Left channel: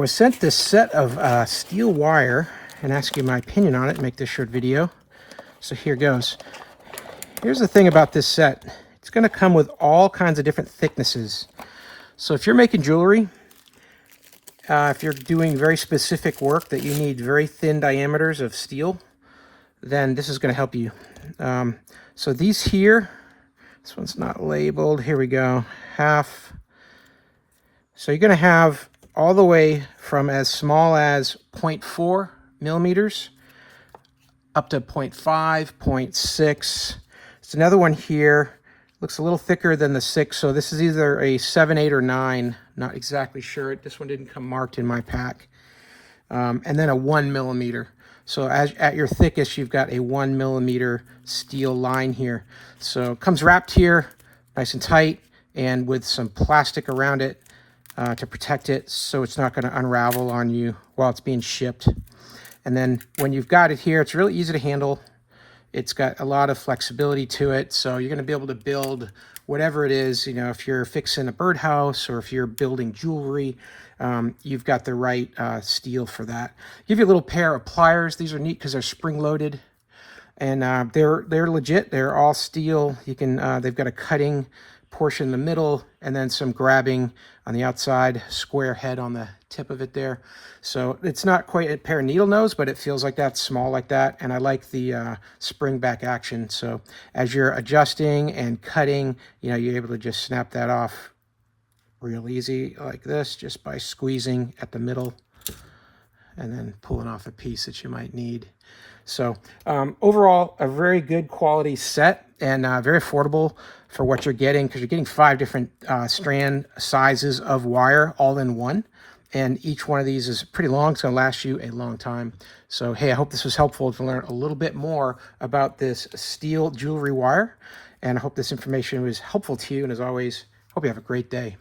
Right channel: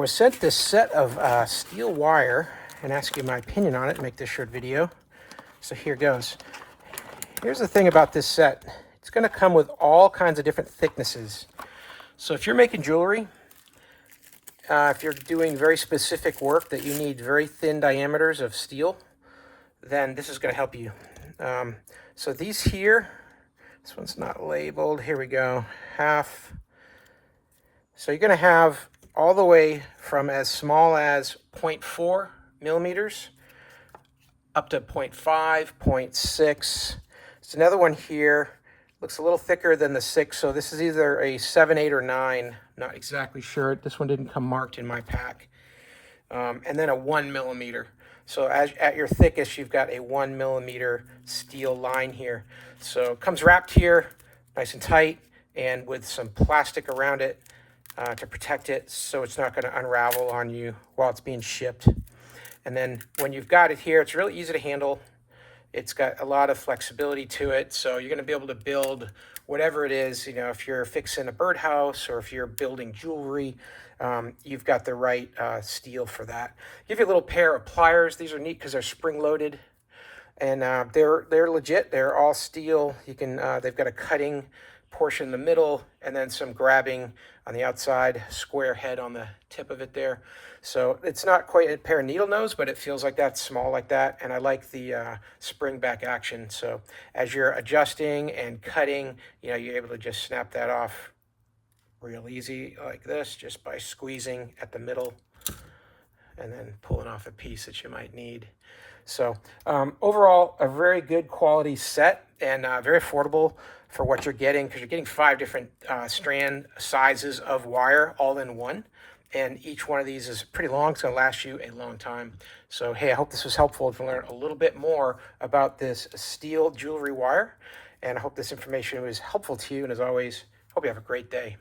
was sent this set of steel wire and asked you my opinion on it to make this short video. So here goes. Here's the thing about this set. It's going to come with all kinds of different thicknesses. So if you're making jewelry, if you're doing very specific work that you need very thin diameters of steel, then this is going to help you. So these here, this one's not labeled. Here we go. Half. So you're going to have all the way from as small as 0.4 millimeters up to 0.5, 0.6. There's another one here. Looks a little thicker than the 6, so this is either a 7, 8, or 9. Not exactly sure. This one didn't come marked in my pack. And then a 1 millimeter. So at your thickest, you've got a 1 millimeter steel line here. So it comes wrapped here, nice and tight, and with some plastic around it to protect it so it's not going to unravel on you while it's being shipped. And then when you've got it here, it's really easy to handle. It's got a lot of flexibility to it, so you're going to be able to build whatever it is. You know, if you're fixing a birdhouse or if you're building jewelry, you've got the right steel for that. Give you a little pair of pliers. These are neat because they're spring-loaded, and they're legit. They're all steel. You can they've got a cutting portion in the middle and then some grabbing on the outside, square head on the tip of it there. So it's not quite a pair of needle nose, but it feels like that, small like that. And I like the spring back action. So as you're adjusting and cutting, you know, you're able to just snap that off real easy like this, just by squeezing at the middle and then pulling off a piece that you might need. So overall, a very good quality set and very affordable for what you're getting, because you're getting 5 different strand sizes of wire all in one. And each one of these is pretty long. It's going to last you a long time. So, hey, I hope this was helpful to learn a little bit more about this steel jewelry wire. And I hope this information was helpful to you. And as always, hope you have a great day.